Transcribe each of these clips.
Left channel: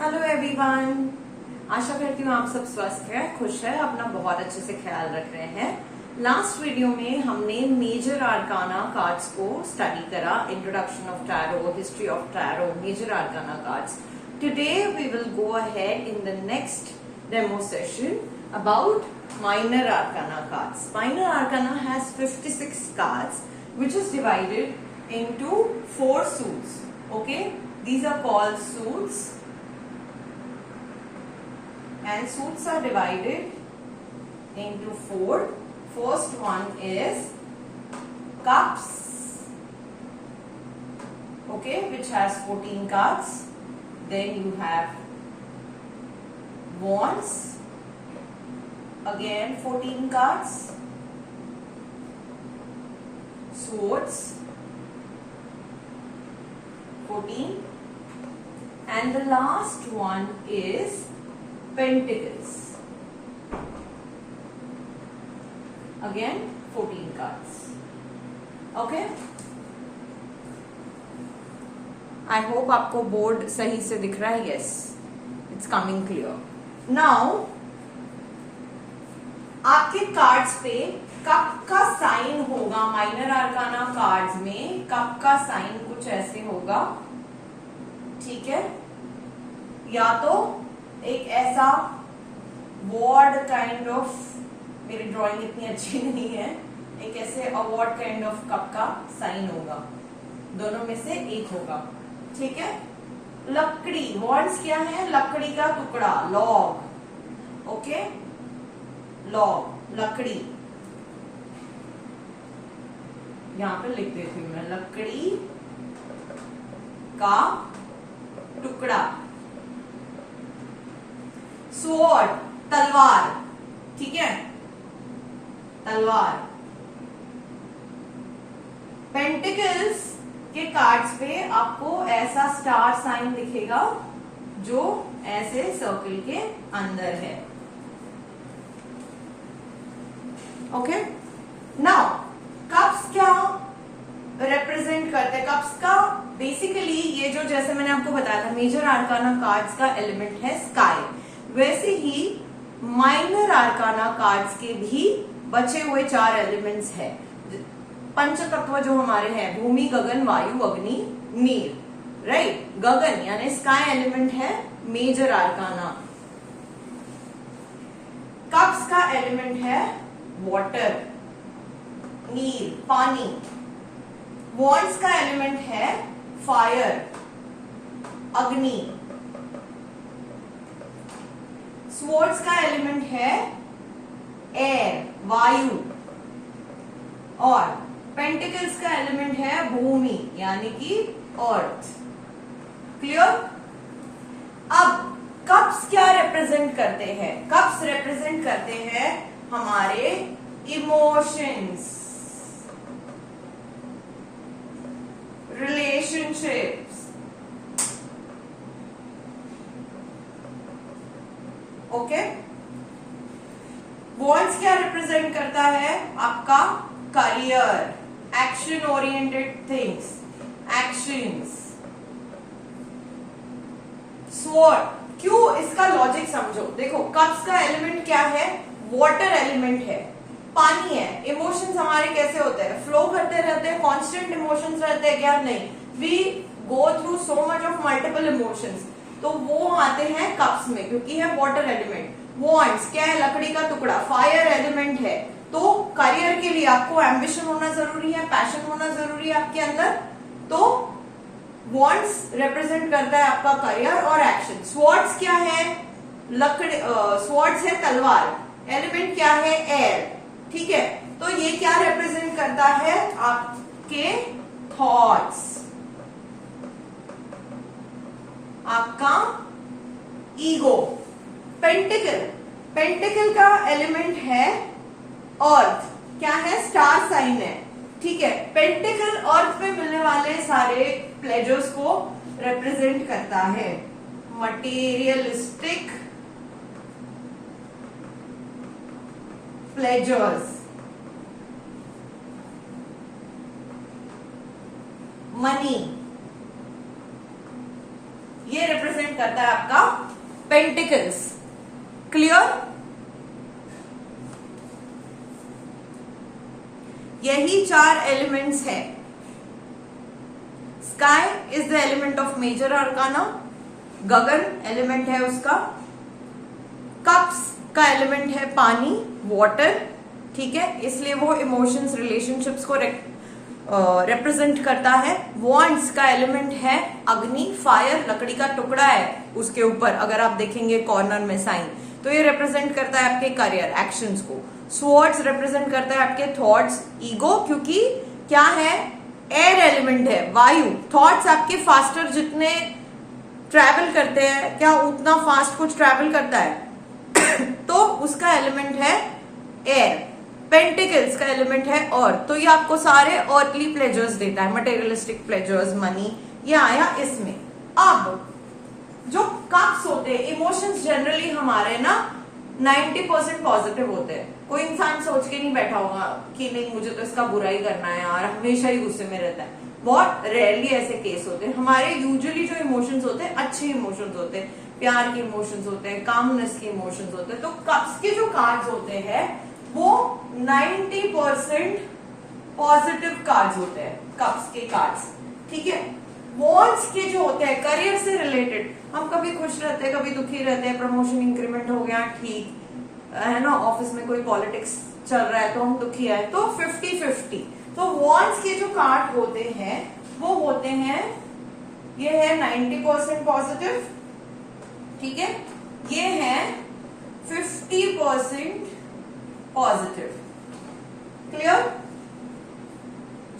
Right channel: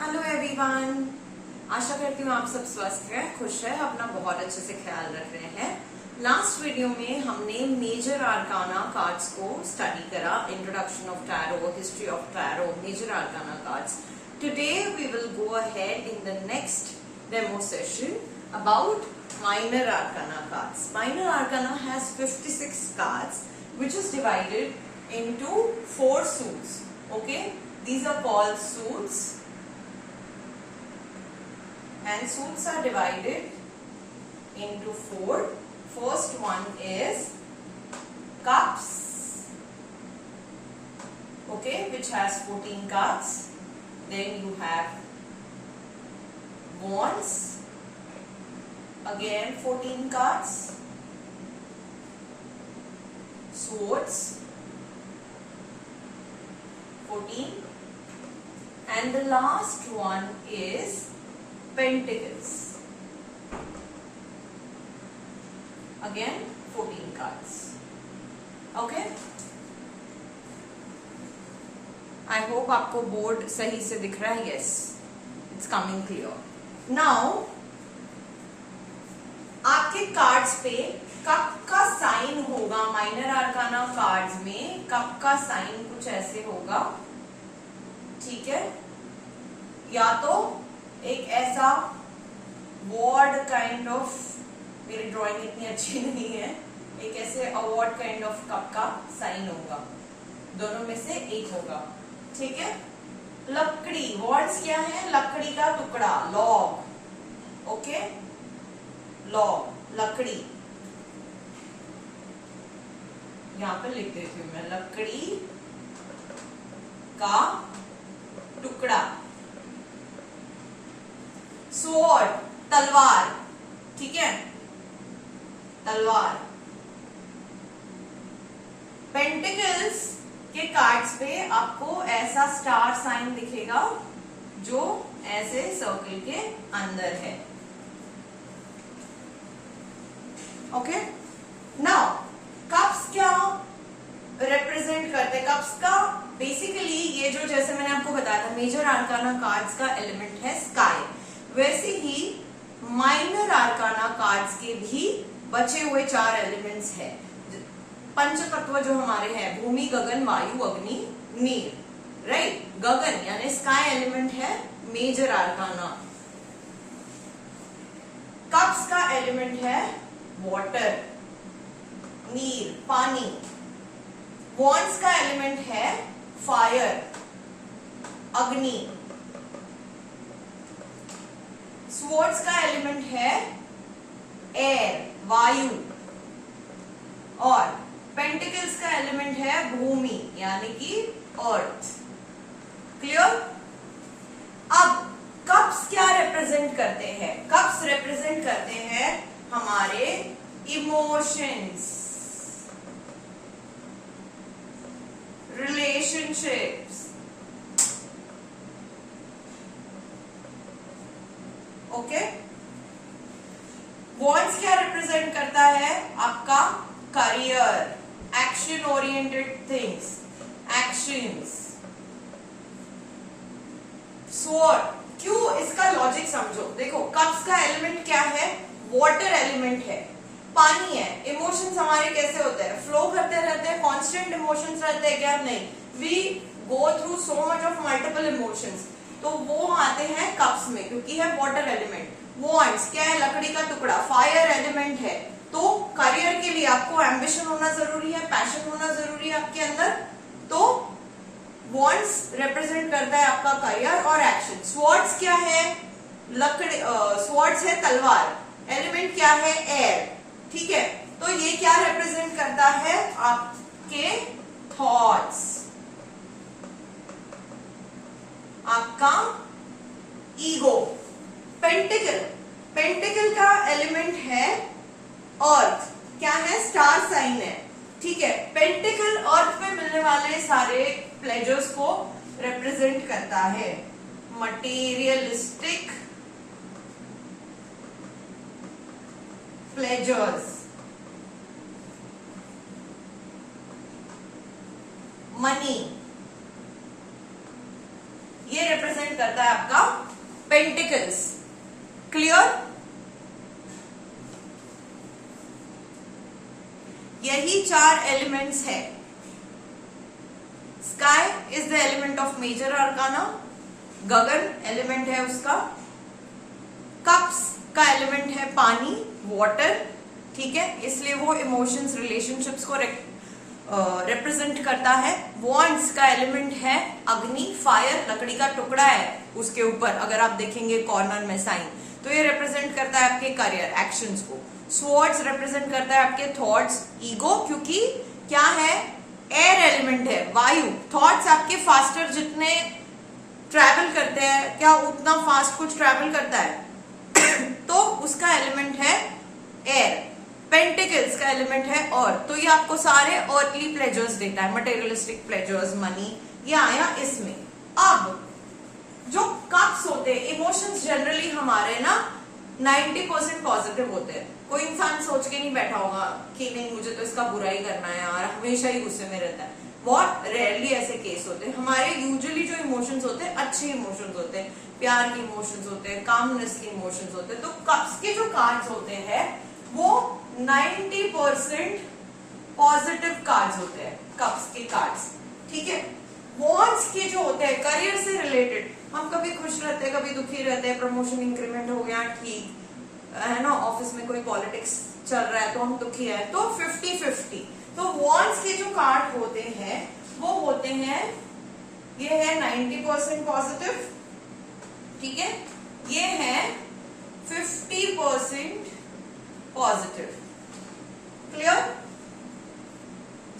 Hello everyone. आशा करती हूँ आप सब स्वस्थ हैं, खुश हैं, अपना बहुत अच्छे से ख्याल रख रहे हैं। लास्ट वीडियो में हमने मेजर आर्काना कार्ड्स को स्टडी करा, introduction of tarot, history of tarot, major arcana cards. Today we will go ahead in the next demo session about minor arcana cards. Minor arcana has 56 cards which is divided into 4 suits. Okay, these are called suits. And suits are divided into 4. First one is cups, okay, which has 14 cards. Then you have wands, again 14 cards. Swords, 14. And the last one is pentacles, again 14 cards. Okay, I hope आपको board सही से दिख रहा है. Yes, it's coming clear. Now आपके cards पे cup का sign होगा. माइनर आर्काना कार्ड्स में कप का साइन कुछ ऐसे होगा, ठीक है. या तो एक ऐसा वॉर्ड काइंड ऑफ, मेरी ड्राइंग इतनी अच्छी नहीं है, एक ऐसे अवॉर्ड काइंड ऑफ कप का साइन होगा. दोनों में से एक होगा, ठीक है. लकड़ी, वॉर्ड्स क्या है? लकड़ी का टुकड़ा, लॉग. ओके, लॉग, लकड़ी. यहां पर लिख देती हूं मैं, लकड़ी का टुकड़ा. स्वॉर्ड, तलवार, ठीक है, तलवार. पेंटिकल्स के कार्ड्स पे आपको ऐसा स्टार साइन दिखेगा जो ऐसे सर्कल के अंदर है. ओके, नाउ कप्स क्या रिप्रेजेंट करते हैं? कप्स का बेसिकली ये जो, जैसे मैंने आपको बताया था, मेजर आर्काना कार्ड्स का एलिमेंट है स्काई. वैसे ही माइनर आर्काना कार्ड्स के भी बचे हुए 4 एलिमेंट्स हैं. पंच तत्व जो हमारे हैं, भूमि, गगन, वायु, अग्नि, नीर. राइट, गगन यानी स्काई एलिमेंट है मेजर आर्काना. कप्स का एलिमेंट है वाटर, नीर, पानी. वॉन्ड्स का एलिमेंट है फायर, अग्नि. स्वॉर्ड्स का एलिमेंट है एयर, वायु. और पेंटिकल्स का एलिमेंट है भूमि यानी कि अर्थ. क्लियर? अब कप्स क्या रिप्रेजेंट करते हैं? कप्स रिप्रेजेंट करते हैं हमारे इमोशंस, रिलेशनशिप्स. ओके. वॉन्ड्स क्या रिप्रेजेंट करता है? आपका career, action oriented things, actions. Sword, क्यों? इसका लॉजिक समझो. देखो, कप्स का एलिमेंट क्या है? वाटर एलिमेंट है, पानी है. इमोशंस हमारे कैसे होते हैं? फ्लो करते रहते हैं, कांस्टेंट इमोशंस रहते हैं क्या? नहीं. We go through so much of multiple emotions. तो वो आते हैं कप्स में क्योंकि है वाटर एलिमेंट. वॉन्ड्स क्या है? लकड़ी का टुकड़ा, फायर एलिमेंट है. तो करियर के लिए आपको एम्बिशन होना जरूरी है, पैशन होना जरूरी है आपके अंदर. तो वॉन्ड्स रिप्रेजेंट करता है आपका करियर और एक्शन. स्वॉर्ड्स क्या है? लकड़ी, स्वॉर्ड्स है तलवार. एलिमेंट क्या है? एयर. ठीक है. तो ये क्या रिप्रेजेंट करता है? आपके थॉट्स, आपका ईगो. पेंटिकल, पेंटिकल का एलिमेंट है अर्थ. क्या है? स्टार साइन है. ठीक है. पेंटिकल अर्थ पे मिलने वाले सारे प्लेजर्स को रिप्रेजेंट करता है. मटेरियलिस्टिक प्लेजर्स, मनी, ये रिप्रेजेंट करता है आपका पेंटिकल्स। क्लियर? यही 4 एलिमेंट्स है। Sky is the element of major arcana, गगन एलिमेंट है उसका, कप्स का एलिमेंट है पानी, वाटर, ठीक है, इसलिए वो इमोशंस, रिलेशनशिप्स को रिप्रेजेंट करता है। वॉन्ड्स का एलिमेंट है अग्नि, फायर, लकड़ी का टुकड़ा है उसके ऊपर, अगर आप देखेंगे कॉर्नर में साइन, तो ये रिप्रेजेंट करता है आपके करियर, एक्शंस को। स्वॉर्ड्स रिप्रेजेंट करता है आपके थॉट्स, ईगो, क्योंकि क्या है, एयर एलिमेंट है, वायु। थॉट्स आपके फास्टर जितने ट्रैवल करते हैं, क्या उतना फास्ट कुछ ट्रैवल करता है तो उसका एलिमेंट है एयर। पेंटिकल्स का एलिमेंट है और, तो ये आपको सारे अर्थली प्लेजर्स देता है, मटेरियलिस्टिक प्लेजर्स, मनी, ये आया इसमें। अब जो कप्स होते हैं, इमोशंस जनरली हमारे ना 90% पॉजिटिव होते हैं। कोई इंसान सोच के नहीं बैठा होगा कि नहीं मुझे तो इसका बुरा ही करना है यार, हमेशा ही गुस्से में रहता है। बहुत रेयरली ऐसे केस होते हैं। हमारे यूजुअली जो इमोशंस होते हैं अच्छे इमोशंस होते हैं, प्यार के इमोशंस होते हैं, कामनेस के इमोशंस होते हैं। तो कप्स के जो कार्ड्स होते हैं वो 90% पॉजिटिव कार्ड्स होते हैं, कप्स के कार्ड्स, ठीक है। वॉन्ड्स के जो होते हैं करियर से रिलेटेड, हम कभी खुश रहते हैं, कभी दुखी रहते हैं, प्रमोशन इंक्रीमेंट हो गया, ठीक है ना, ऑफिस में कोई पॉलिटिक्स चल रहा है तो हम दुखी है, तो 50-50। तो वॉन्ड्स के जो कार्ड होते हैं वो होते हैं, ये है 90% पॉजिटिव, ठीक है, ये है 50% पॉजिटिव। क्लियर?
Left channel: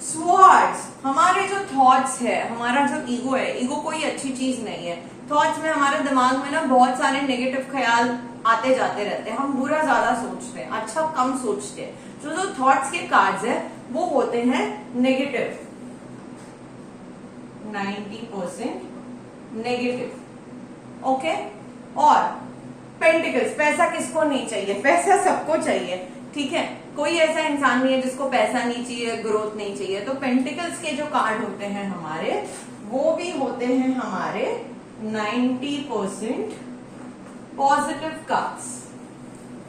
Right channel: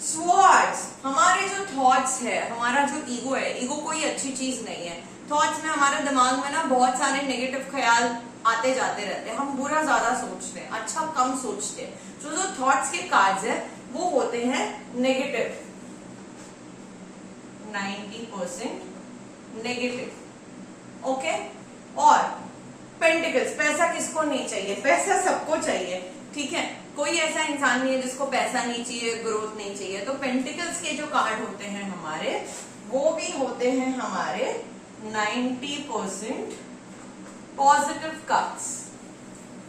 स्वॉर्ड्स हमारे जो थॉट्स है, हमारा जो ईगो है, ईगो कोई अच्छी चीज नहीं है। थॉट्स में हमारे दिमाग में ना बहुत सारे नेगेटिव ख्याल आते जाते रहते हैं, हम बुरा ज्यादा सोचते हैं, अच्छा कम सोचते हैं। जो थॉट्स के कार्ड्स है वो होते हैं नेगेटिव, 90% नेगेटिव, ओके। और पेंटिकल्स, पैसा किसको नहीं चाहिए, पैसा सबको चाहिए, ठीक है, कोई ऐसा इंसान नहीं है जिसको पैसा नहीं चाहिए, ग्रोथ नहीं चाहिए। तो पेंटिकल्स के जो कार्ड होते हैं हमारे, वो भी होते हैं हमारे 90% पॉजिटिव कार्ड्स,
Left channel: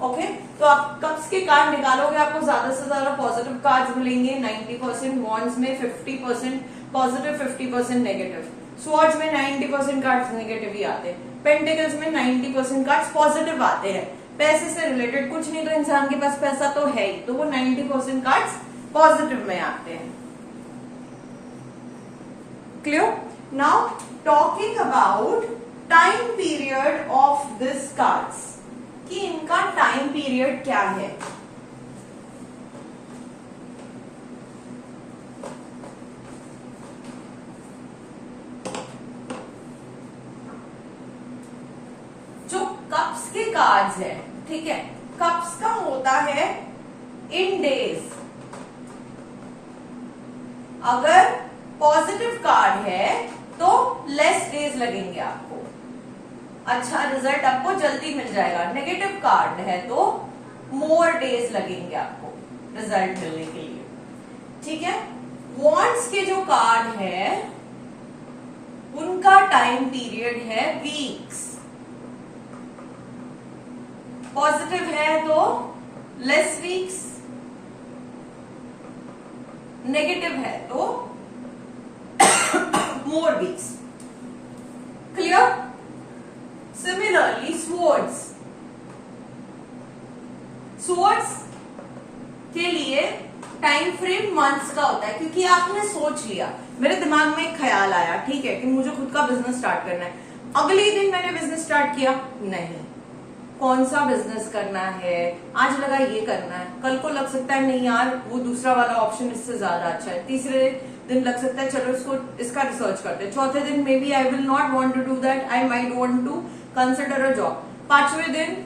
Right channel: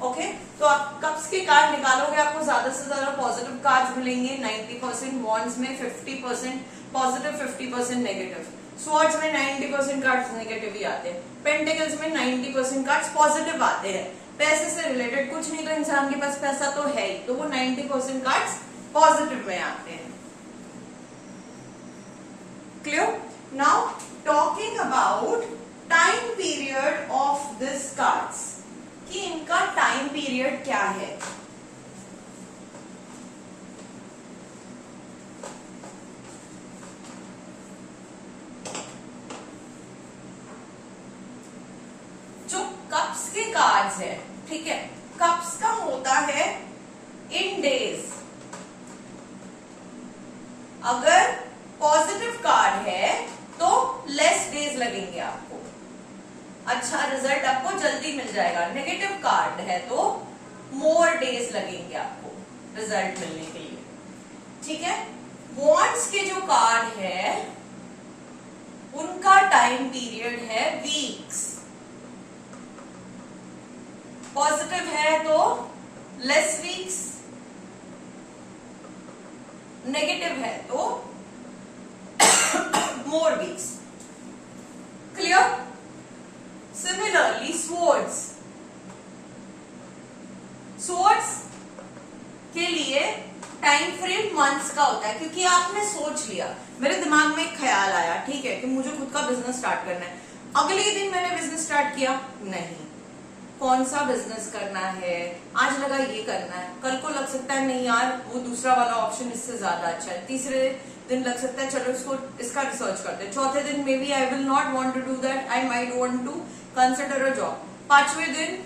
ओके। तो आप कप्स के कार्ड निकालोगे, आपको ज्यादा से ज्यादा पॉजिटिव कार्ड्स मिलेंगे 90%, वॉन्ड्स में 50% पॉजिटिव, 50% नेगेटिव, स्वॉर्ड्स में 90% कार्ड्स नेगेटिव ही आते हैं, पेंटिकल्स में 90% कार्ड्स पॉजिटिव आते हैं। पैसे से रिलेटेड कुछ नहीं, तो इंसान के पास पैसा तो है ही, तो वो 90% कार्ड्स पॉजिटिव में आते हैं। Clear? Now talking about time period of this cards, कि इनका टाइम पीरियड क्या है। जो कप्स के कार्ड्स है, ठीक है, कप्स का होता है इन डेज। अगर पॉजिटिव कार्ड है तो लेस डेज लगेंगे आपको, अच्छा रिजल्ट आपको जल्दी मिल जाएगा। नेगेटिव कार्ड है तो मोर डेज लगेंगे आपको रिजल्ट मिलने के लिए, ठीक है। वॉन्ड्स के जो कार्ड है उनका टाइम पीरियड है वीक्स। पॉजिटिव है तो लेस वीक्स, नेगेटिव है तो more weeks. Clear? Similarly swords, swords के लिए टाइम फ्रेम मंथ्स का होता है, क्योंकि आपने सोच लिया, मेरे दिमाग में एक ख्याल आया, ठीक है, कि मुझे खुद का बिजनेस स्टार्ट करना है। अगले दिन मैंने बिजनेस स्टार्ट किया, नहीं, कौन सा बिजनेस करना है, आज लगा ये करना है, कल को लग सकता है नहीं यार वो दूसरा वाला ऑप्शन इससे ज्यादा अच्छा है, तीसरे दिन लग सकता है चलो इसका रिसर्च करते हैं, चौथे दिन maybe I will not want to do that, I might want to consider a job, पांचवें दिन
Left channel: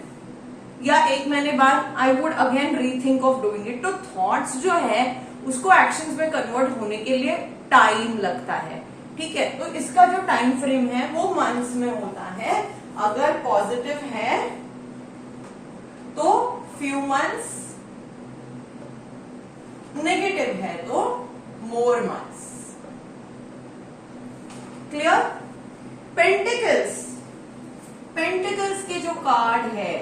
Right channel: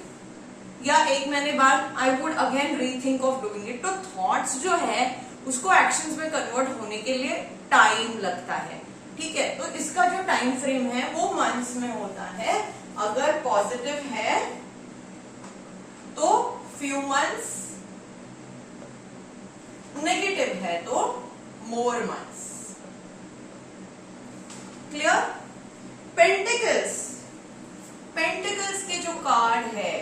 या एक महीने बाद I would again rethink of doing it. तो थॉट्स जो है उसको एक्शंस में कन्वर्ट होने के लिए टाइम लगता है, ठीक है। तो इसका जो टाइम फ्रेम है वो मंथ्स में होता है। अगर पॉजिटिव है तो फ्यू मंथ्स, नेगेटिव है तो more months. Clear? Pentacles pentacles के जो कार्ड है,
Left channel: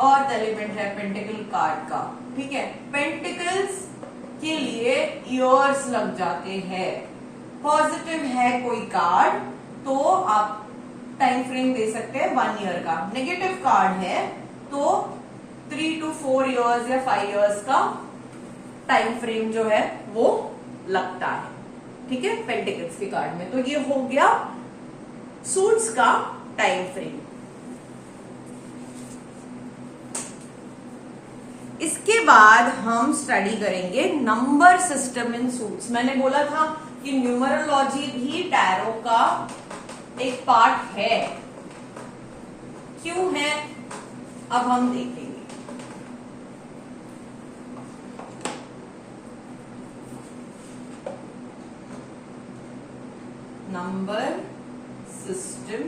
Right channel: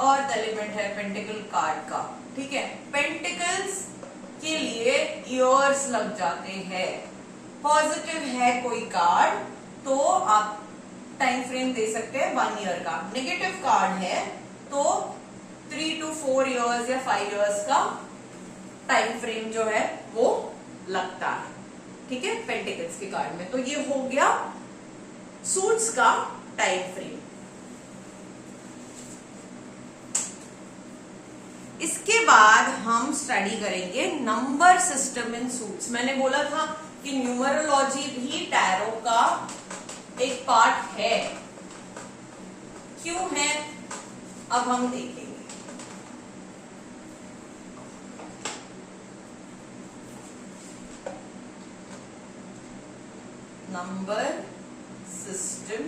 अर्थ एलिमेंट है पेंटिकल कार्ड का, ठीक है, पेंटिकल्स के लिए ईयर्स लग जाते हैं। पॉजिटिव है कोई कार्ड तो आप टाइम फ्रेम दे सकते हैं 1 ईयर का, नेगेटिव कार्ड है तो 3 to 4 ईयर्स या 5 ईयर्स का टाइम फ्रेम जो है वो लगता है, ठीक है, पेंटिकल्स के कार्ड में। तो ये हो गया सूट्स का टाइम फ्रेम। इसके बाद हम स्टडी करेंगे नंबर सिस्टम इन सूट्स। मैंने बोला था कि न्यूमरोलॉजी भी टैरो का एक पार्ट है। क्यों है अब हम देखेंगे। Number system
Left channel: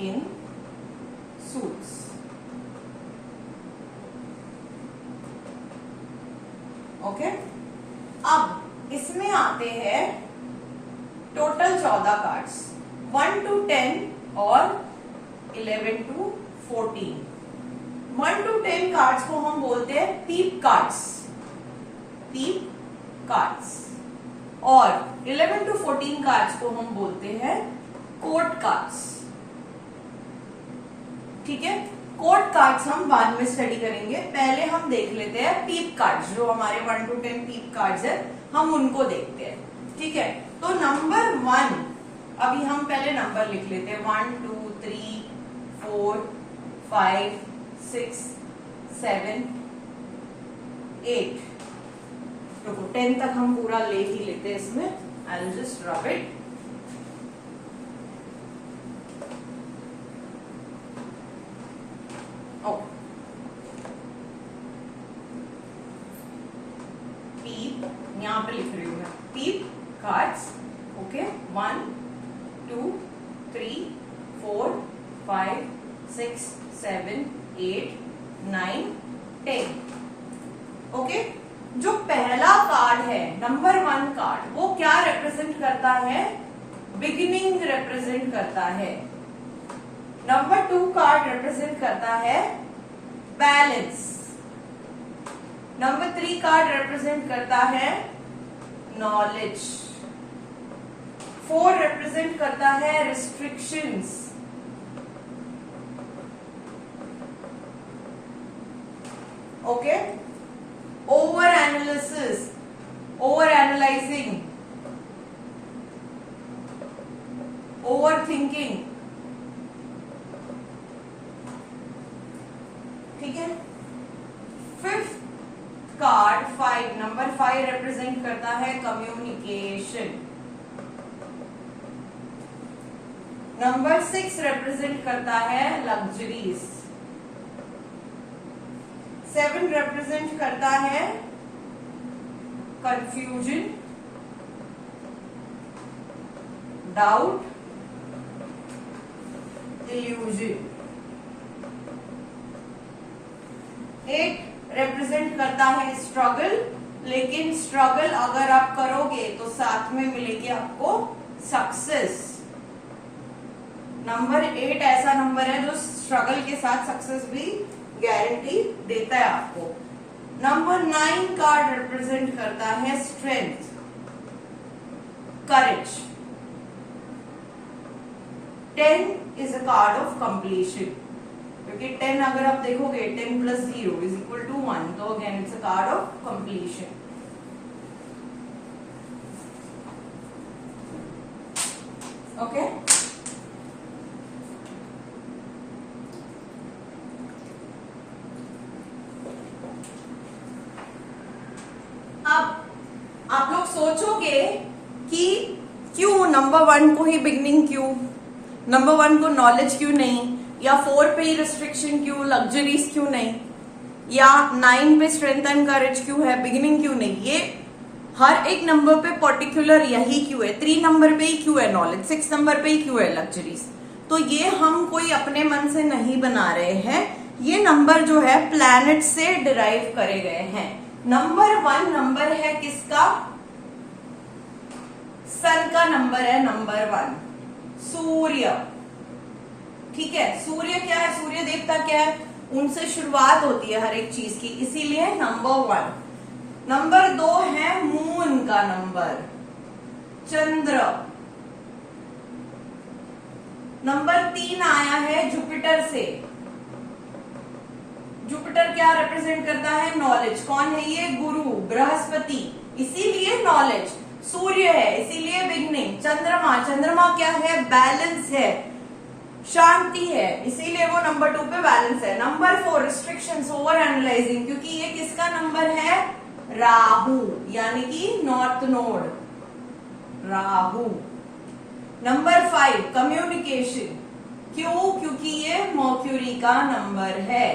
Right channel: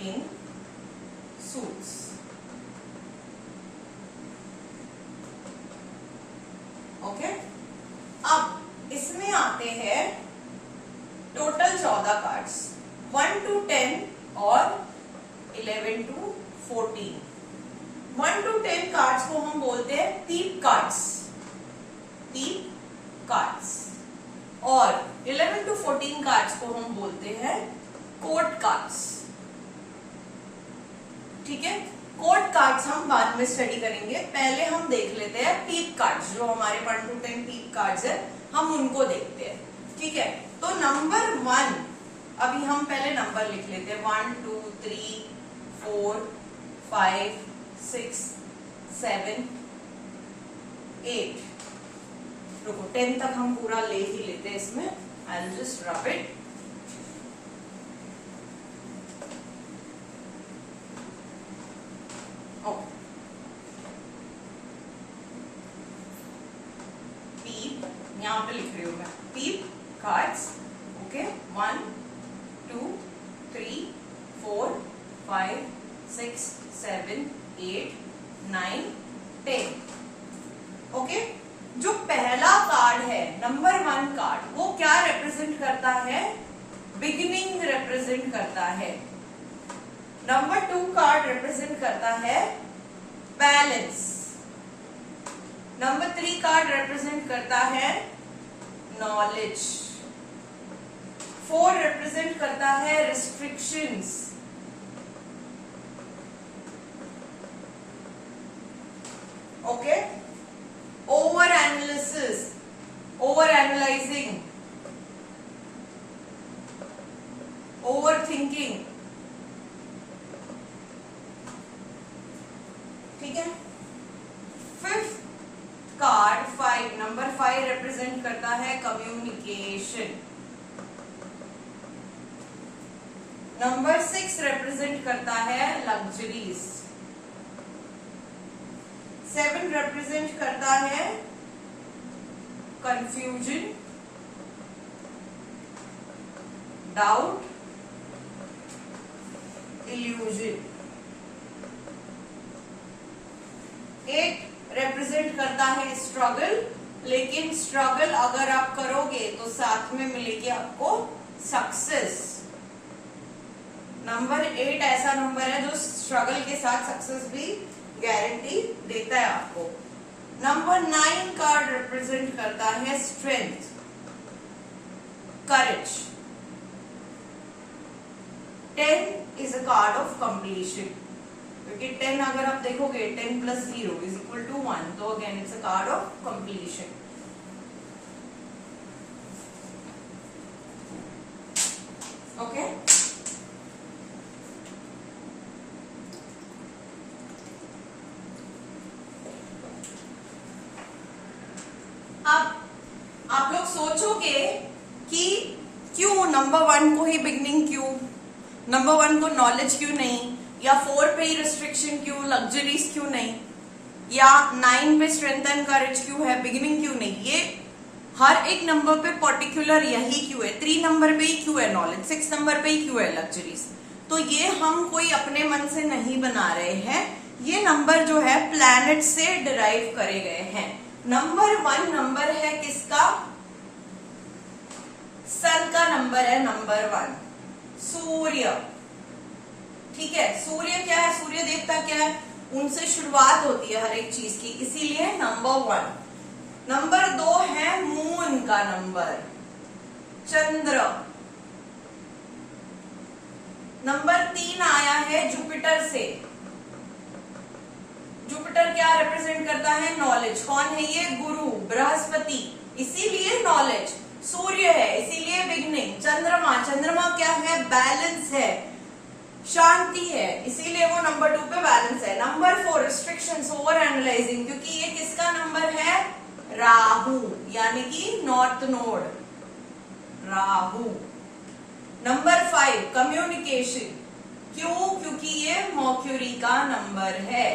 in suits. Okay, अब इसमें आते हैं टोटल 14 कार्ड्स, 1 to 10 और 11 to 14। 1 to 10 कार्ड्स को हम बोलते हैं पीप कार्ड्स, पीप कार्ड्स, और 11 to 14 कार्ड्स को हम बोलते हैं कोर्ट कार्ड्स, ठीक है। कोर्ट कार्ड्स हम बाद में स्टडी करेंगे, पहले हम देख लेते हैं पीप कार्ड्स, जो हमारे 1 to 10 पीप कार्ड्स है, हम उनको देखते हैं, ठीक है। तो नंबर 1, अभी हम पहले नंबर लिख लेते हैं, 1 2 3 4 5 6 7 8। रुको, 10 तक हम पूरा ले ही लेते हैं इसमें। I will just rub it. पीप, यहां पे लिख रही हूं मैं, पीप कार्ड्स, ओके। 1 2 3 4 5 6 7 8 9 10, ओके। जो पहला कार्ड है नंबर 1 कार्ड, वो क्या रिप्रेजेंट करता है? बिगिनिंग रिप्रेजेंट करता है। नंबर 2 कार्ड रिप्रेजेंट करता है बैलेंस। नंबर 3 कार्ड रिप्रेजेंट करता है नॉलेज। 4 रिप्रेजेंट करता है restrictions. Okay, over analysis, over analysing, over thinking, ठीक है। 5th कार्ड 5, नंबर 5 रिप्रेजेंट करता है कम्युनिकेशन। नंबर 6 रिप्रेजेंट करता है लग्जरीज। 7 रिप्रेजेंट करता है कंफ्यूजन, डाउट, इल्यूजन। 8 रिप्रेजेंट करता है स्ट्रगल, लेकिन स्ट्रगल अगर आप करोगे तो साथ में मिलेगी आपको सक्सेस। नंबर 8 ऐसा नंबर है जो स्ट्रगल के साथ सक्सेस भी गारंटी देता है आपको। नंबर 9 कार्ड रिप्रेजेंट करता है strength, courage. 10 is a card of completion, क्योंकि 10 अगर आप देखोगे 10 + 0 = 1, तो again it's a card of completion. Okay, अब आप लोग सोचोगे कि क्यों नंबर 1 को ही बिगनिंग क्यों, नंबर 1 को नॉलेज क्यों नहीं, या 4 पे ही रिस्ट्रिक्शन क्यों, लग्जरीज क्यों नहीं, या 9 पे स्ट्रेंथ एंड करेज क्यों है, बिगिनिंग क्यों नहीं। ये हर एक नंबर पे पर्टिकुलर यही क्यों है। 3 नंबर पे ही क्यों है नॉलेज, 6 नंबर पे ही क्यों है लग्जरीज। तो ये हम कोई अपने मन से नहीं बना रहे हैं, ये नंबर जो है प्लैनेट से डिराइव करे गए हैं। नंबर 1 नंबर है किसका? सन का नंबर है नंबर 1 सूर्य। ठीक है, सूर्य क्या है, सूर्य देवता क्या है, उनसे शुरुआत होती है हर एक चीज की, इसीलिए नंबर 1। नंबर 2 है मून का नंबर, चंद्र। नंबर 3 आया है जुपिटर से। जुपिटर क्या रिप्रेजेंट करता है, नॉलेज। कौन है ये, गुरु बृहस्पति, इसीलिए नॉलेज। सूर्य है इसीलिए बिगनिंग। चंद्रमा, चंद्रमा क्या है, बैलेंस है, शांति है, इसीलिए वो नंबर 2 पे बैलेंस है। नंबर 4 रिस्ट्रिक्शंस, ओवर एनालाइजिंग, क्योंकि ये किसका नंबर है, राहु, यानी कि north node, Rahu. Number 5 communication, क्यों, क्योंकि ये मर्क्यूरी का नंबर है।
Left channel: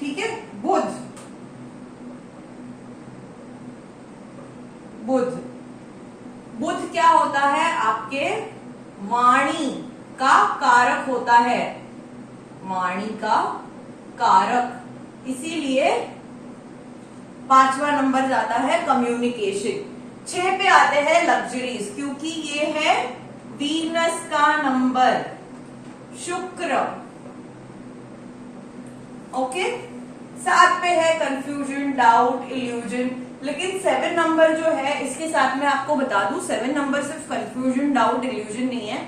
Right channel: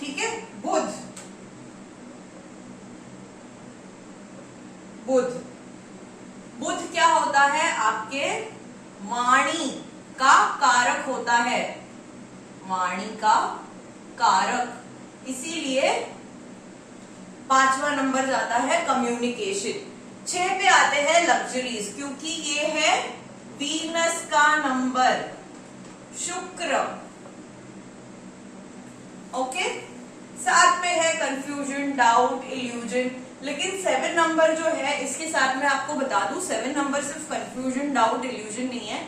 ठीक है, बुध, बुध, बुध क्या होता है, आपके वाणी का कारक होता है, वाणी का कारक, इसीलिए 5वां नंबर जाता है कम्युनिकेशन। 6 पे आते हैं लग्जरीज, क्योंकि ये है वीनस का नंबर, शुक्र। ओके, 7 पे है कंफ्यूजन, डाउट, इल्यूजन। लेकिन 7 नंबर जो है, इसके साथ में आपको बता दूं, 7 नंबर सिर्फ कंफ्यूजन, डाउट, इल्यूजन नहीं है।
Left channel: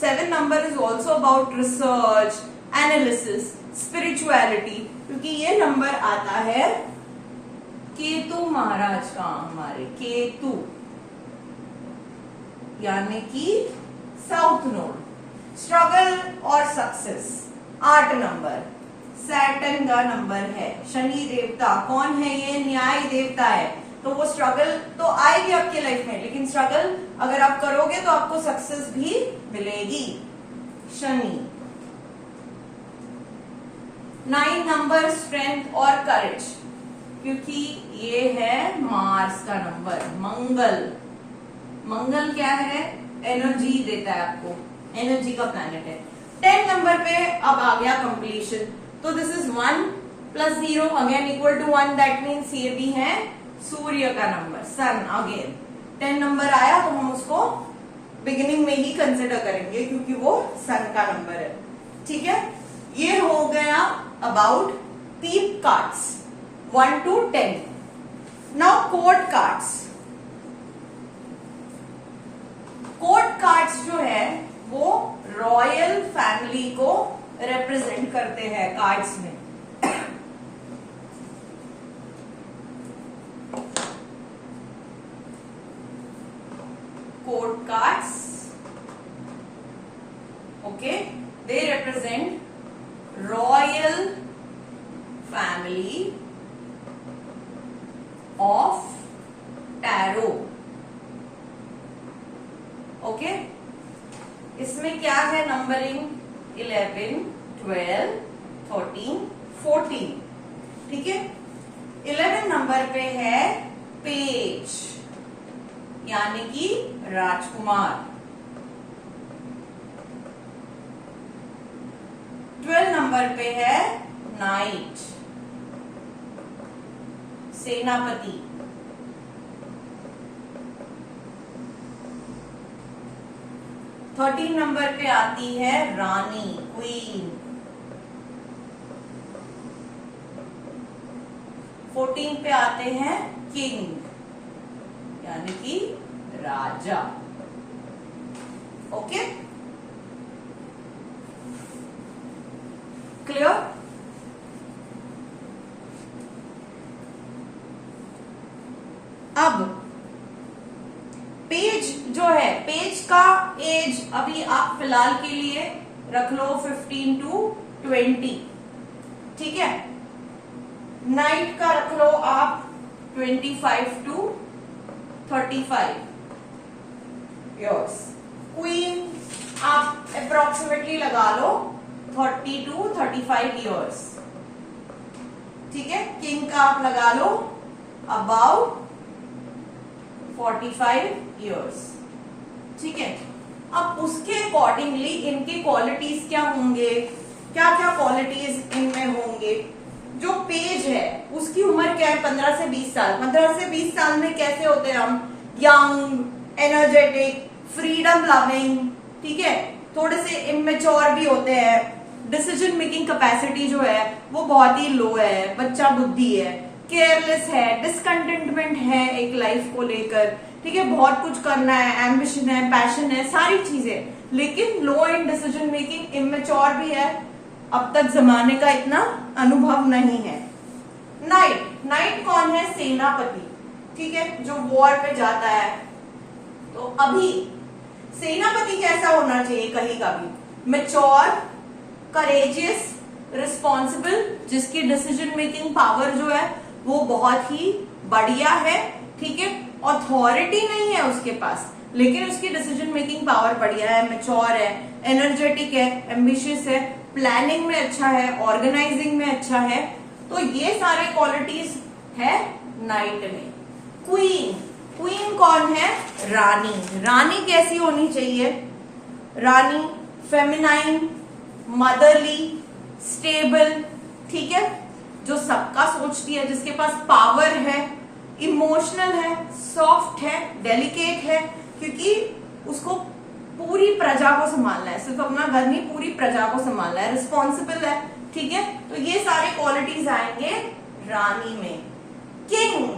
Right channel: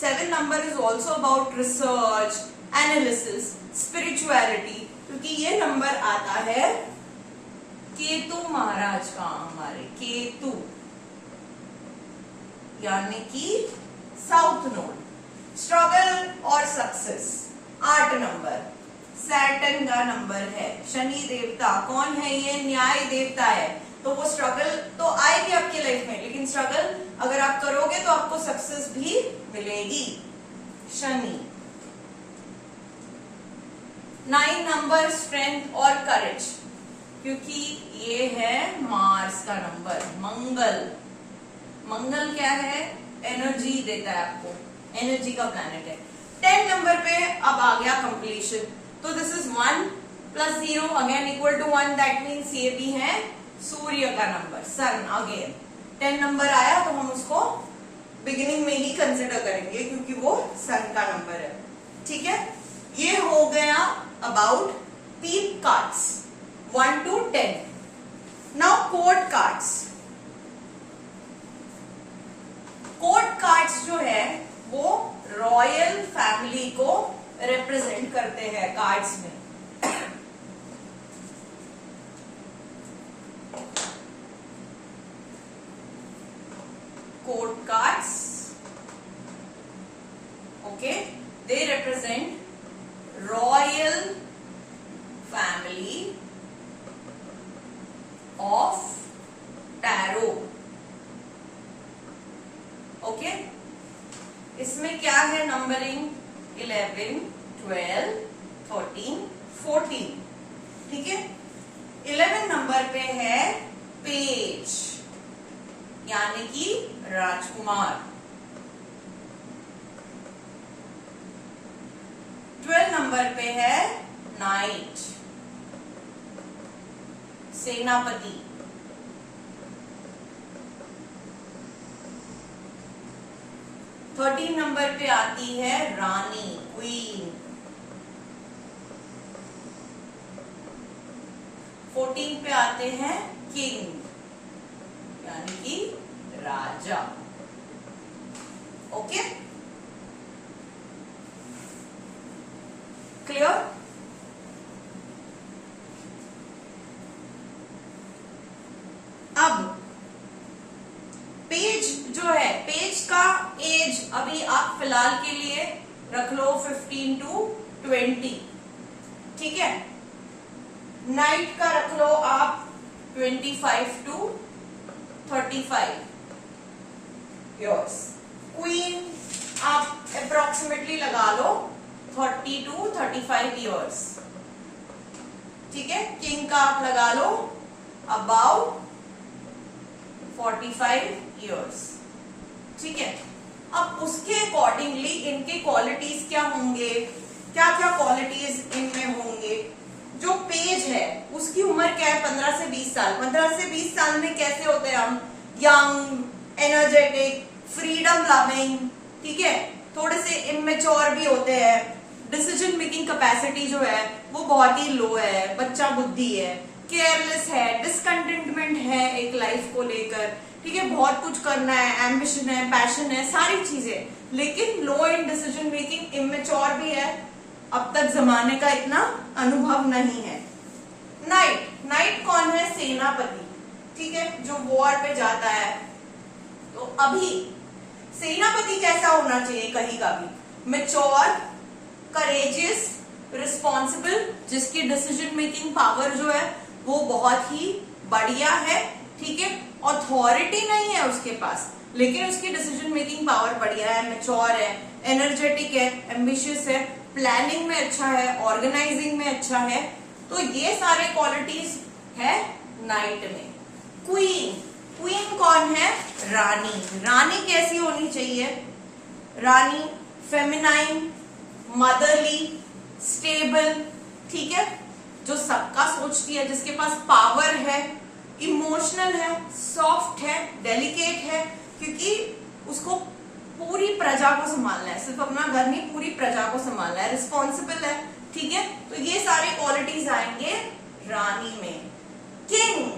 7 number is also about research, analysis, spirituality, क्योंकि ये नंबर आता है केतु महाराज का, हमारे केतु, यानी कि साउथ नोड। स्ट्रगल और सक्सेस, 8 नंबर सैटर्न का नंबर है। शनि देवता कौन है, ये न्याय देवता है, तो वो स्ट्रगल तो आएगी आपकी लाइफ में, लेकिन स्ट्रगल अगर आप करोगे तो आपको सक्सेस भी मिलेगी, शनि। 9 नंबर स्ट्रेंथ और करेज, क्योंकि ये है मार्स का नंबर, मंगल। मंगल क्या है, एनर्जी देता है आपको, एनर्जी का प्लैनेट है। 10 नंबर पे अब आ गया कंप्लीशन, तो this is 1 + 0 again equal to 1, that means ये भी है सूर्य का नंबर, सन। अगेन 10 नंबर आया तो हम उसको बिगिनिंग में ही कंसिडर करेंगे, क्योंकि वो सन का नंबर है। ठीक है, ये हो गया about pip cards 1 to 10। Now court cards. Court cards जो है वो रॉयल फैमिली को रिप्रेजेंट करते हैं कार्ड्स में। Code cards, okay, they represent royal family of tarot. Okay, इसमें क्या है नंबरिंग, 11, 12, 13, 14। ठीक है, 11 नंबर पे है पेज, यानी कि राजकुमार। 12 नंबर पे है नाइट, सेनापति। 13 नंबर पे आती है रानी, क्वीन। 14 पे आते हैं किंग, यानी कि राजा। Okay, clear? अब पेज जो है, पेज का एज अभी आप फिलहाल के लिए रख लो 15 to 20। ठीक है, नाइट का रख लो आप 25 to 35 इयर्स। क्वीन आप अप्रोक्सीमेटली लगा लो 30 to 35 इयर्स। ठीक है, किंग का आप लगा लो अबाउट 45 इयर्स। ठीक है, अब उसके अकॉर्डिंगली इनके क्वालिटीज क्या होंगे, क्या क्या क्वालिटीज इनमें होंगे। जो पेज है उसकी उम्र क्या है, 15 से 20 साल। 15 से 20 साल में कैसे होते हैं हम, यंग, एनर्जेटिक, फ्रीडम लविंग, ठीक है, थोड़े से इमेच्योर भी होते हैं, डिसीजन मेकिंग कैपेसिटी जो है वो बहुत ही लो है, बच्चा बुद्धि है, केयरलेस है, डिसकंटेंटमेंट है एक लाइफ को लेकर, ठीक है, बहुत कुछ करना है, एम्बिशन है, पैशन है, सारी चीजें, लेकिन लो इन डिसीजन मेकिंग, इमेच्योर भी है, अब तक जमाने का इतना अनुभव नहीं है। नाइट, नाइट कौन है? सेनापति, ठीक है, जो वॉर पे जाता है। तो अभी सेनापति कैसा होना चाहिए? कहीं का भी मैच्योर, करेजियस, रिस्पॉन्सिबल, जिसकी डिसीजन मेकिंग पावर जो है वो बहुत ही बढ़िया है, ठीक है, अथॉरिटी नहीं है उसके पास, लेकिन उसकी डिसीजन मेकिंग पावर बढ़िया है, मैच्योर है, एनर्जेटिक है, एम्बिशियस है, प्लानिंग में अच्छा है, ऑर्गेनाइजिंग में अच्छा है। तो ये सारे क्वालिटीज है नाइट में। क्वीन, क्वीन कौन है? रानी। रानी कैसी होनी चाहिए? रानी फेमिनाइन, मदरली, स्टेबल, ठीक है, जो सबका सोचती है, जिसके पास पावर है, इमोशनल है, सॉफ्ट है, डेलिकेट है, क्योंकि उसको पूरी प्रजा को संभालना है, सिर्फ अपना घर नहीं पूरी प्रजा को संभालना है, रिस्पॉन्सिबल है, ठीक है। तो ये सारे क्वालिटीज आएंगे रानी में। किंग,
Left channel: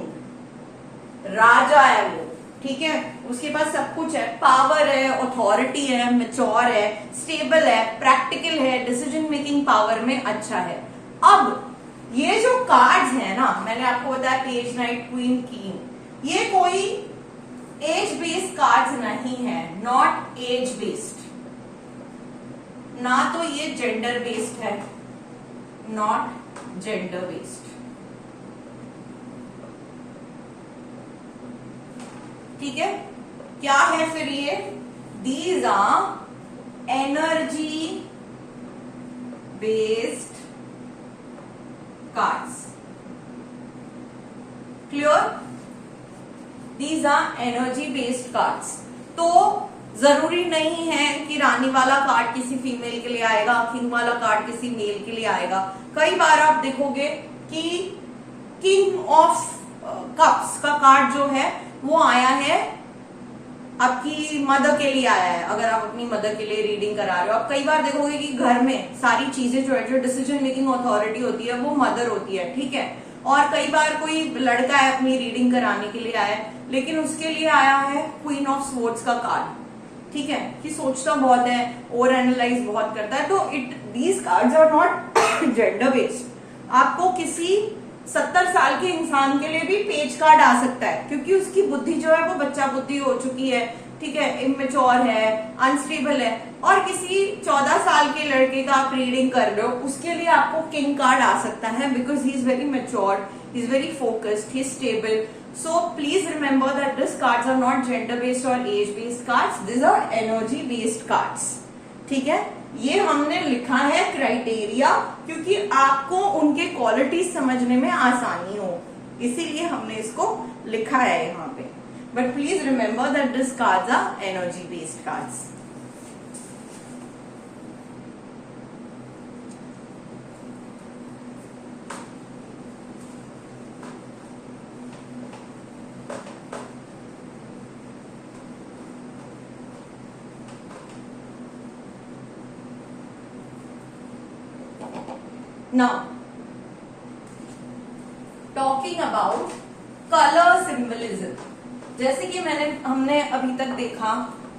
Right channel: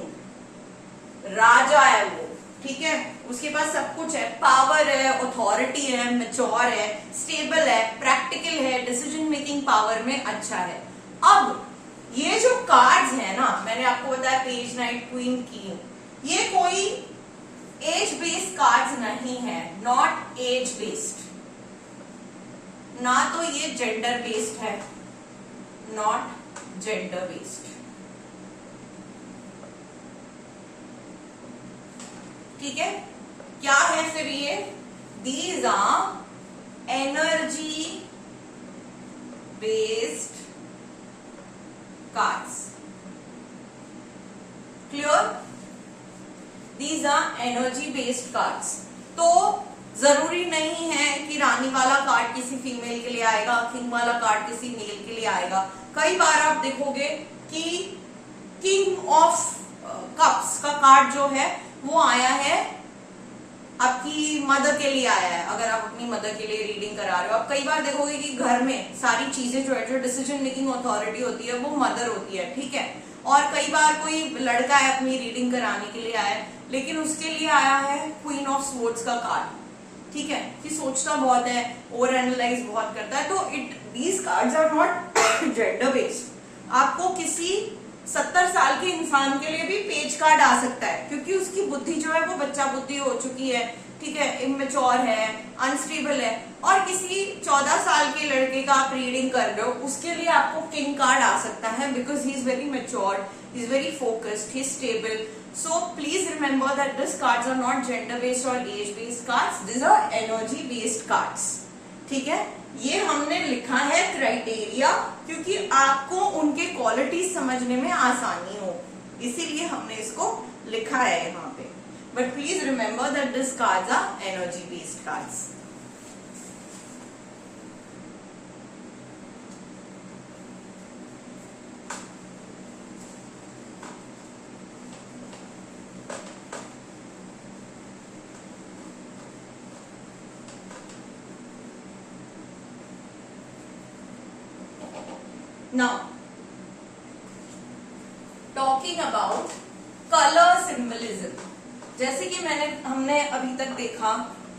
राजा है वो, ठीक है, उसके पास सब कुछ है, पावर है, अथॉरिटी है, मैच्योर है, स्टेबल है, प्रैक्टिकल है, डिसीजन मेकिंग पावर में अच्छा है। अब ये जो कार्ड्स है ना, मैंने आपको बताया पेज, नाइट, क्वीन, किंग, ये कोई एज बेस्ड कार्ड्स नहीं है, नॉट एज बेस्ड, ना तो ये जेंडर बेस्ड है, नॉट जेंडर बेस्ड, ठीक है। क्या है फिर ये? These are energy based cards, clear? These are energy based cards. तो जरूरी नहीं है कि रानी वाला कार्ड किसी फीमेल के लिए आएगा, किंग वाला कार्ड किसी मेल के लिए आएगा। कई बार आप देखोगे कि किंग ऑफ कप्स का कार्ड जो है वो आया है आपकी मदर के लिए आया है, अगर आप अपनी मदर के लिए रीडिंग करा रहे हो। आप कई बार देखोगे कि घर में सारी चीजें जो है, जो डिसीजन मेकिंग अथॉरिटी होती है वो मदर होती है, ठीक है। और कई बार कोई लड़का है अपनी रीडिंग कराने के लिए आया है, लेकिन उसके लिए आया है क्वीन ऑफ स्वॉर्ड्स का कार्ड, ठीक है, कि सोचता बहुत है, ओवर एनालाइज बहुत करता है। तो these cards are not gender based. आपको किसी 70 साल के इंसान के लिए भी पेज कार्ड आ सकता है, क्योंकि उसकी बुद्धि जो है वो बच्चा बुद्धि हो चुकी है, ठीक है, इमेच्योर है, अनस्टेबल है। और किसी 14 साल के लड़के का आप रीडिंग कर रहे हो, उसके लिए आपको किंग कार्ड आ सकता है, because he is very mature, he is very focused, he is stable. So please remember that these cards are not gender based or age based cards. These are energy based cards. ठीक है, ये हमने लिखा है criteria, क्योंकि आपको उनके qualities समझने में आसानी हो, इसीलिए हमने इसको लिखा है यहाँ पे। But please remember that this cards are energy based cards. Now, talking about color symbolism, जैसे कि हमने अभी तक देखा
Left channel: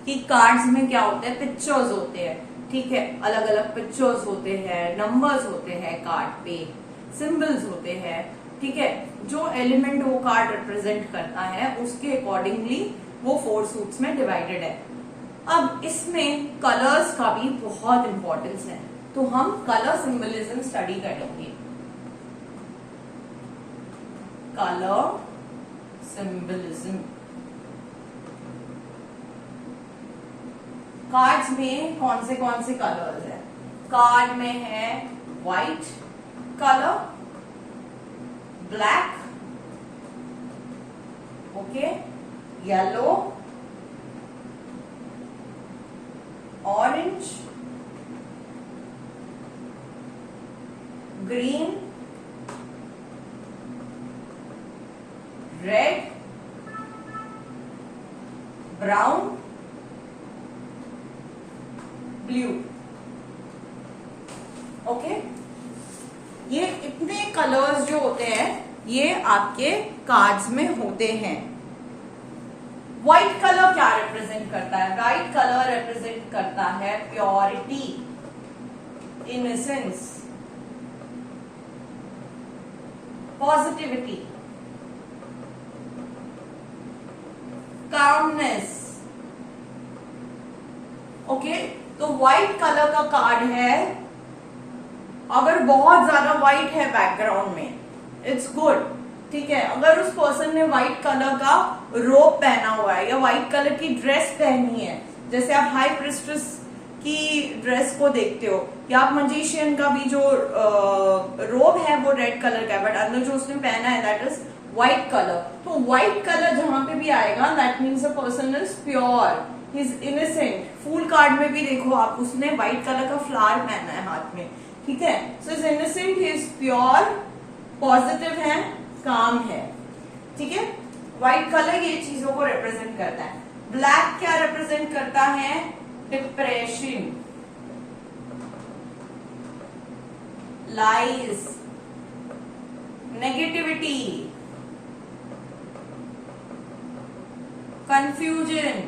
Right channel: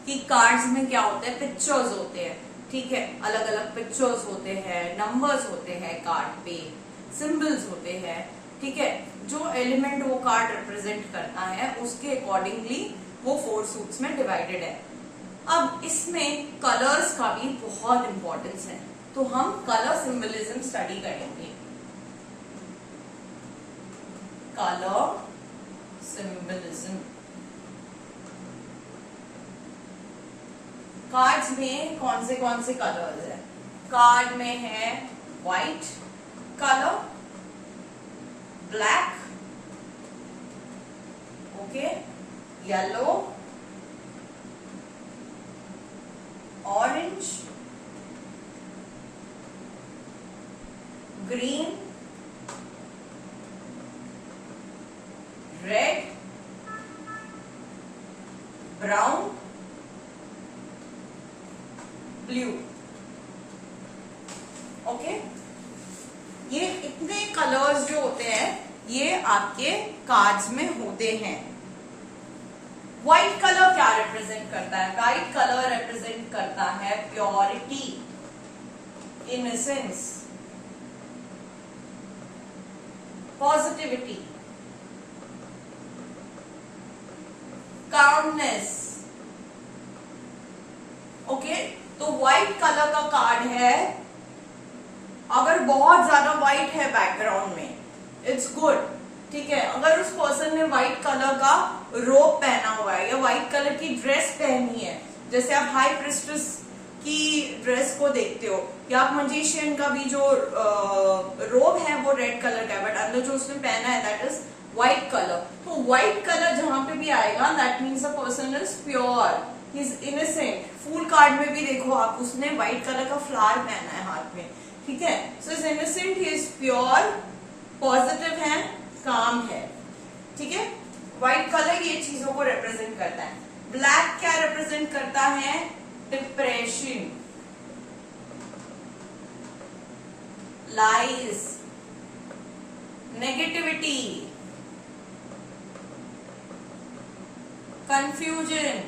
कि कार्ड्स में क्या होता है, पिक्चर्स होते हैं, ठीक है, अलग अलग पिक्चर्स होते हैं, नंबर्स होते हैं कार्ड पे, सिंबल्स होते हैं, ठीक है, जो एलिमेंट वो कार्ड रिप्रेजेंट करता है उसके अकॉर्डिंगली वो 4 सूट्स में डिवाइडेड है। अब इसमें कलर्स का भी बहुत इंपॉर्टेंस है, तो हम कलर सिंबलिज्म स्टडी करेंगे। कलर सिंबलिज्म कार्ड्स में कौन से कलर्स है? कार्ड में है white colour, black, okay, yellow, orange, green, red, brown, blue. Okay, ये इतने कलर्स जो होते हैं ये आपके कार्ड्स में होते हैं। व्हाइट कलर क्या रिप्रेजेंट करता है? व्हाइट कलर रिप्रेजेंट करता है purity, innocence, positivity, calmness. Okay, तो व्हाइट कलर का कार्ड है। अगर बहुत ज्यादा व्हाइट है बैकग्राउंड में, इट्स गुड, ठीक है। अगर उस पर्सन ने व्हाइट कलर का रोब पहना हुआ है या व्हाइट कलर की ड्रेस पहनी है, जैसे आप हाई प्रिस्टेस की ड्रेस को देखते हो, या आप मजिशियन का भी जो रोब है वो रेड कलर का है, बट अंदर जो उसने पहना है दैट इज व्हाइट कलर। तो व्हाइट कलर जहां पे भी आएगा that means a person is pure, he is innocent. Fool card में भी देखो आप, उसने व्हाइट कलर का फ्लावर पहना है हाथ में, ठीक है। So is innocent, he is pure, positive है, काम है, ठीक है। व्हाइट कलर ये चीजों को रिप्रेजेंट करता है। ब्लैक क्या रिप्रेजेंट करता है? डिप्रेशन, लाइज, नेगेटिविटी, कंफ्यूजन,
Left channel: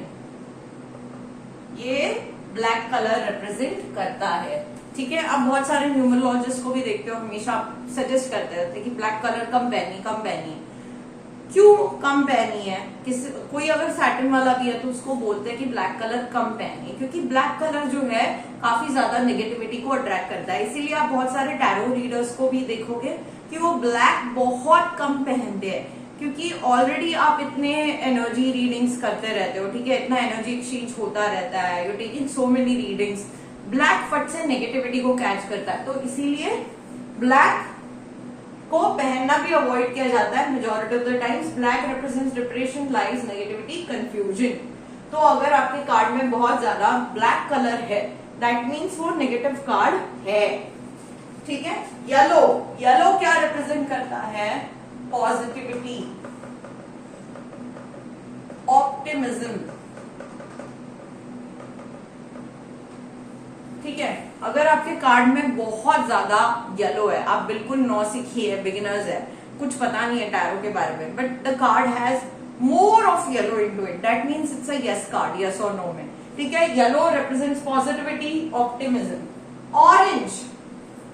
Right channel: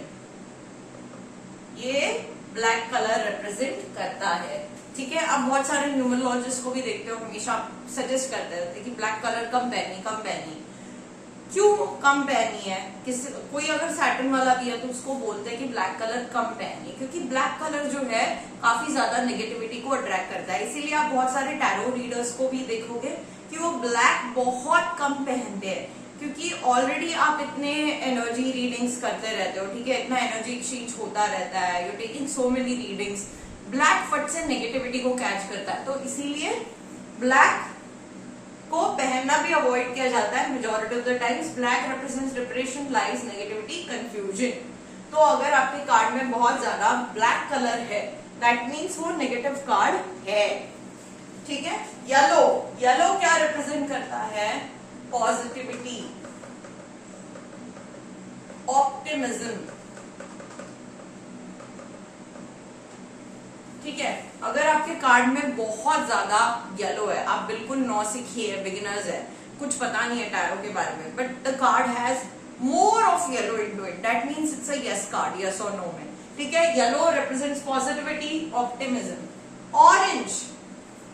ये ब्लैक कलर रिप्रेजेंट करता है, ठीक है। अब बहुत सारे न्यूमरोलॉजिस्ट को भी देखते हो, हमेशा सजेस्ट करते रहते कि ब्लैक कलर कम पहनिए। क्यों कम पहनी है? कोई अगर सैटर्न वाला भी है तो उसको बोलते हैं कि ब्लैक कलर कम पहनिए, क्योंकि ब्लैक कलर जो है काफी ज्यादा नेगेटिविटी को अट्रैक्ट करता है। इसीलिए आप बहुत सारे टैरो रीडर्स को भी देखोगे कि वो ब्लैक बहुत कम पहनते हैं, क्योंकि ऑलरेडी आप इतने एनर्जी रीडिंग्स करते रहते हो, ठीक है। इतना एनर्जी एक्सचेंज होता रहता है, you taking so many readings. Black फट से नेगेटिविटी को कैच करता है, तो इसीलिए ब्लैक को पहनना भी अवॉइड किया जाता है majority of the times. Black represents depression, lies, negativity, confusion. तो अगर आपके कार्ड में बहुत ज्यादा ब्लैक कलर है दैट मीन्स वो नेगेटिव कार्ड है, ठीक है। येलो, येलो क्या रिप्रेजेंट करता है? पॉजिटिविटी, ऑप्टिमिज्म, ठीक है। अगर आपके कार्ड में बहुत ज्यादा येलो है, आप बिल्कुल नौसिखी है, बिगिनर्स है, कुछ पता नहीं है टैरो के बारे में, but the card has more of yellow into it, that means it's a yes card, yes और नो में, ठीक है। Yellow represents positivity, optimism. Orange,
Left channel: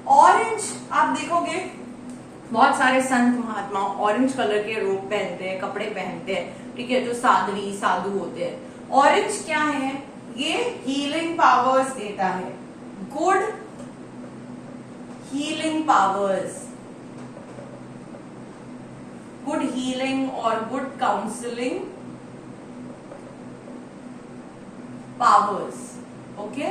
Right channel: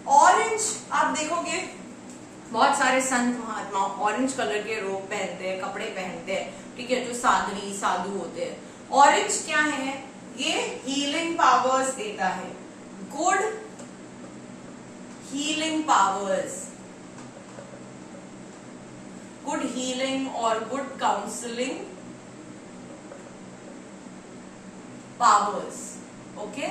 orange आप देखोगे बहुत सारे संत महात्मा ऑरेंज कलर के रोब पहनते हैं, कपड़े पहनते हैं, ठीक है, जो साध्वी साधु होते हैं। ऑरेंज क्या है? ये हीलिंग पावर्स देता है, good healing powers, good healing और गुड काउंसलिंग पावर्स, ओके।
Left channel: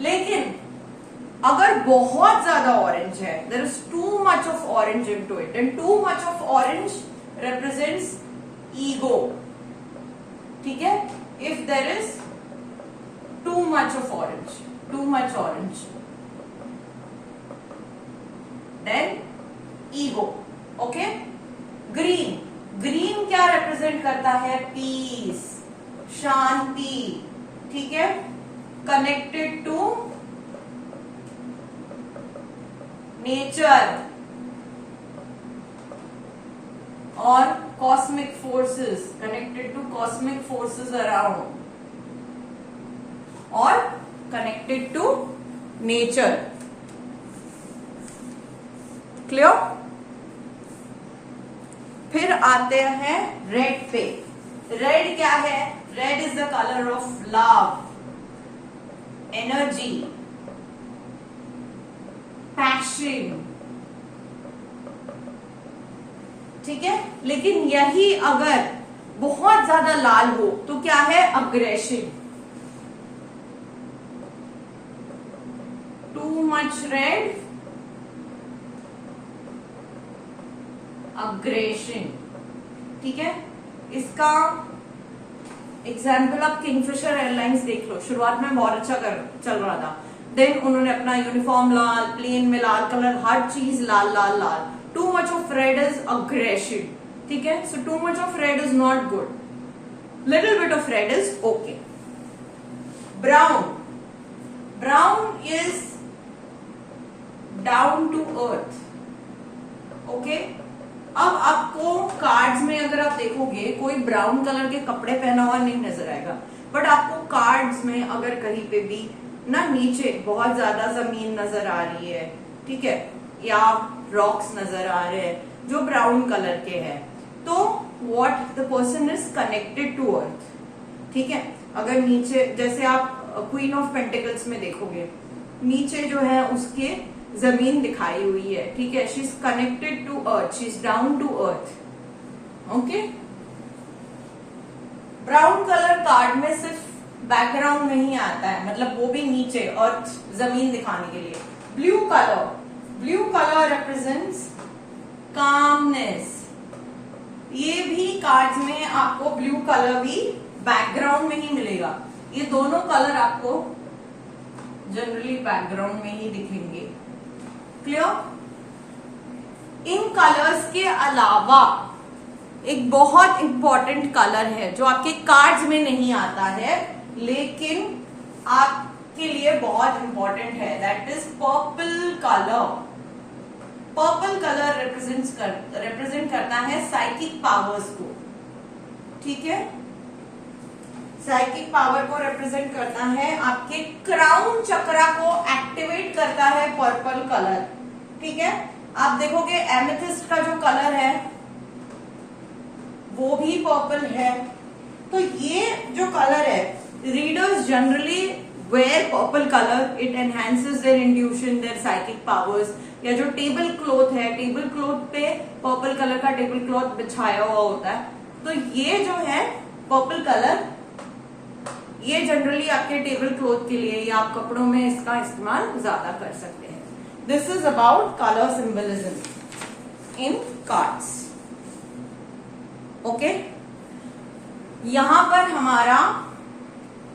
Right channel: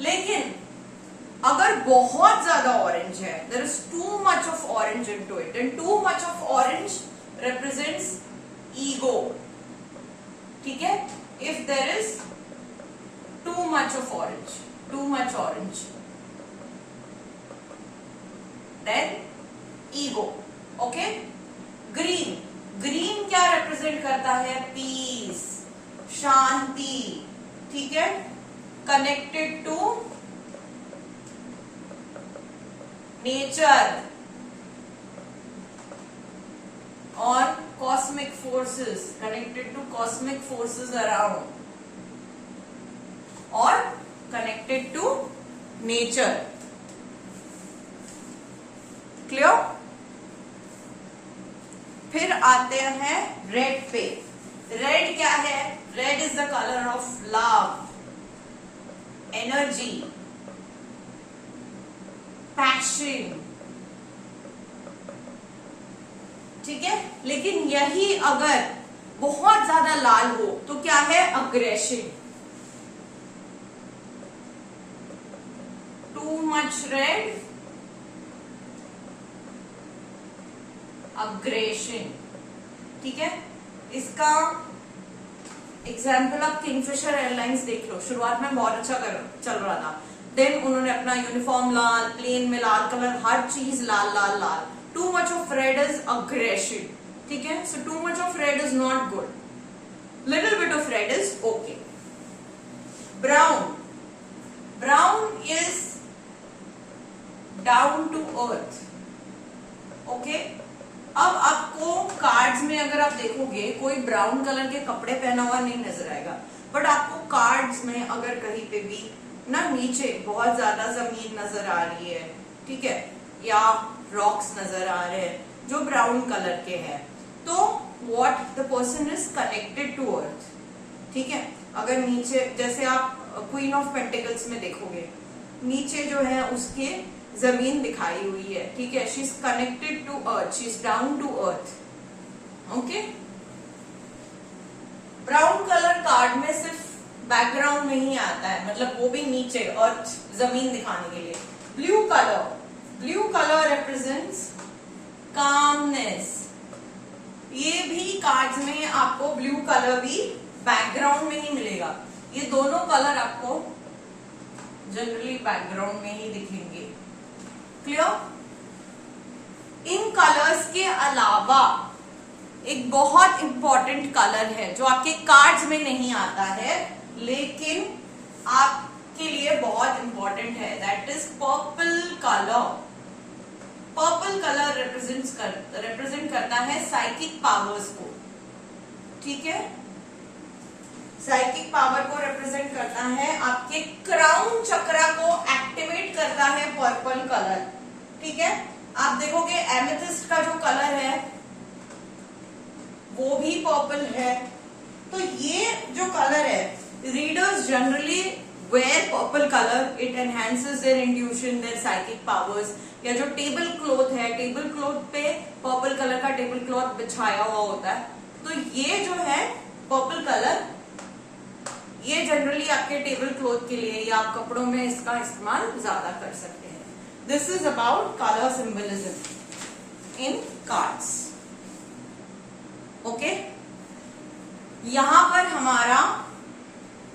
लेकिन अगर बहुत ज्यादा ऑरेंज है, there is too much of orange into it, and too much of orange represents ego, ठीक है। If there is too much of orange, too much orange, then ego, okay. Green, green क्या represent करता है? Peace, शांति, ठीक है, connected to nature और cosmic forces, connected to cosmic forces around और कनेक्टेड टू नेचर, क्लियर। फिर आते हैं रेड पे। रेड क्या है? Red is the colour of love, energy, passion, ठीक है। लेकिन यही अगर बहुत ज्यादा लाल हो तो क्या है? Aggression, too much red, aggression, ठीक है। इसका एग्जाम्पल आप किंगफिशर एयरलाइंस देख लो, शुरुआत में बहुत अच्छा चल रहा था, देन उन्होंने अपना यूनिफॉर्म लाल, प्लेन में लाल कलर, हर चीज लाल लाल लाल। Too much of red is aggression, ठीक है, so too much of red is not good, little bit of red is okay. Brown, brown is down to earth. Okay, अब आपको कार्ड्स में अगर आप देखोगे कोई ब्राउन कलर के कपड़े पहना हुआ नहीं नजर आएगा, बट आपको कार्ड्स में अगर कहीं पे भी ना नीचे बहुत ज्यादा जमीन नजर आ रही है, ठीक है, या रॉक्स नजर आ रहे हैं जो ब्राउन कलर के हैं, तो what the person is connected to earth. ठीक है, अगर नीचे जैसे आप क्वीन ऑफ पेंटिकल्स में देखोगे नीचे जो है उसके जमीन दिखाई हुई है, ठीक है, she is connected to earth, she is down to earth. Okay, brown colour card में सिर्फ बैकग्राउंड में ही आता है, मतलब वो भी नीचे अर्थ जमीन दिखाने के लिए. Blue colour, blue colour represents calmness. ये भी कार्ड्स में आपको ब्लू कलर भी बैकग्राउंड में ही मिलेगा. ये दोनों कलर आपको जनरली बैकग्राउंड में ही दिखेंगे. क्लियर? इन कलर्स के अलावा एक बहुत इंपॉर्टेंट कलर है जो आपके कार्ड्स में नहीं आता है लेकिन आपके लिए बहुत इंपॉर्टेंट है, that is purple colour. Purple colour represent करता है साइकिक पावर्स को. ठीक है, साइकिक पावर को रिप्रेजेंट करता है, आपके क्राउन चक्रा को एक्टिवेट करता है पर्पल कलर. ठीक है, आप देखोगे एमेथिस्ट का जो कलर है वो भी पर्पल है. तो ये जो कलर है, readers generally wear purple colour, it enhances their intuition, their psychic powers. या जो टेबल क्लॉथ है, टेबल क्लॉथ पे पर्पल कलर का टेबल क्लॉथ बिछाया हुआ होता है, तो ये जो है पर्पल कलर, ये जनरली आपके टेबल क्लॉथ के लिए या आप कपड़ों में इसका इस्तेमाल ज्यादा कर सकते हैं. This is about colour symbolism in cards. Okay, यहां पर हमारा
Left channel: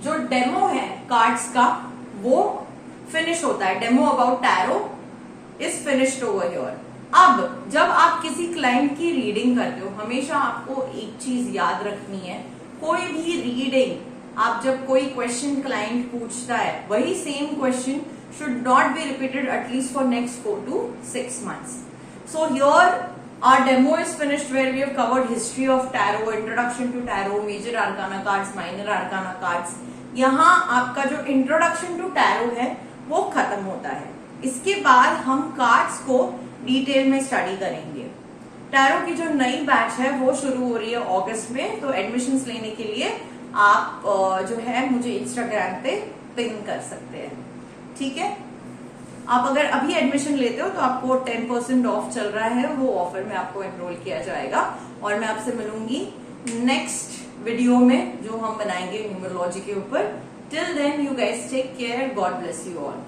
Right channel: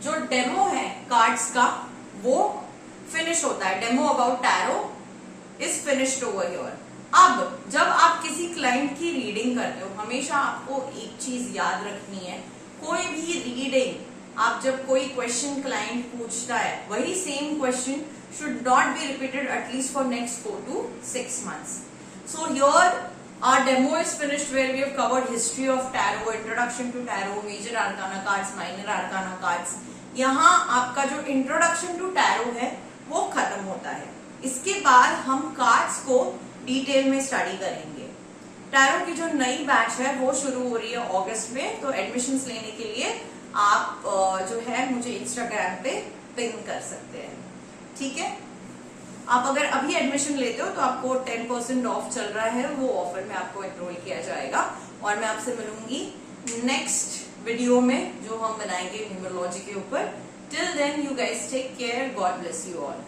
जो डेमो है कार्ड्स का वो फिनिश होता है. Demo about tarot is finished over here. अब जब आप किसी क्लाइंट की रीडिंग करते हो, हमेशा आपको एक चीज याद रखनी है, कोई भी रीडिंग आप जब कोई क्वेश्चन क्लाइंट पूछता है, वही same question should not be repeated at least for next 4 to 6 months. So here our demo is finished where we have covered history of tarot, introduction to tarot, major arcana cards, minor arcana cards. यहाँ आपका जो introduction to tarot है वो खत्म होता है. इसके बाद हम कार्ड्स को डिटेल में स्टडी करेंगे. टैरो की जो नई बैच है वो शुरू हो रही है अगस्त में, तो एडमिशन्स लेने के लिए आप जो है मुझे इंस्टाग्राम पे पिन कर सकते हैं. ठीक है, आप अगर अभी एडमिशन लेते हो तो आपको 10% ऑफ चल रहा है, वो ऑफर में आपको एनरोल किया जाएगा. और मैं आपसे मिलूंगी नेक्स्ट वीडियो में जो हम बनाएंगे न्यूमरोलॉजी के ऊपर. Till then you guys take care, God bless you all.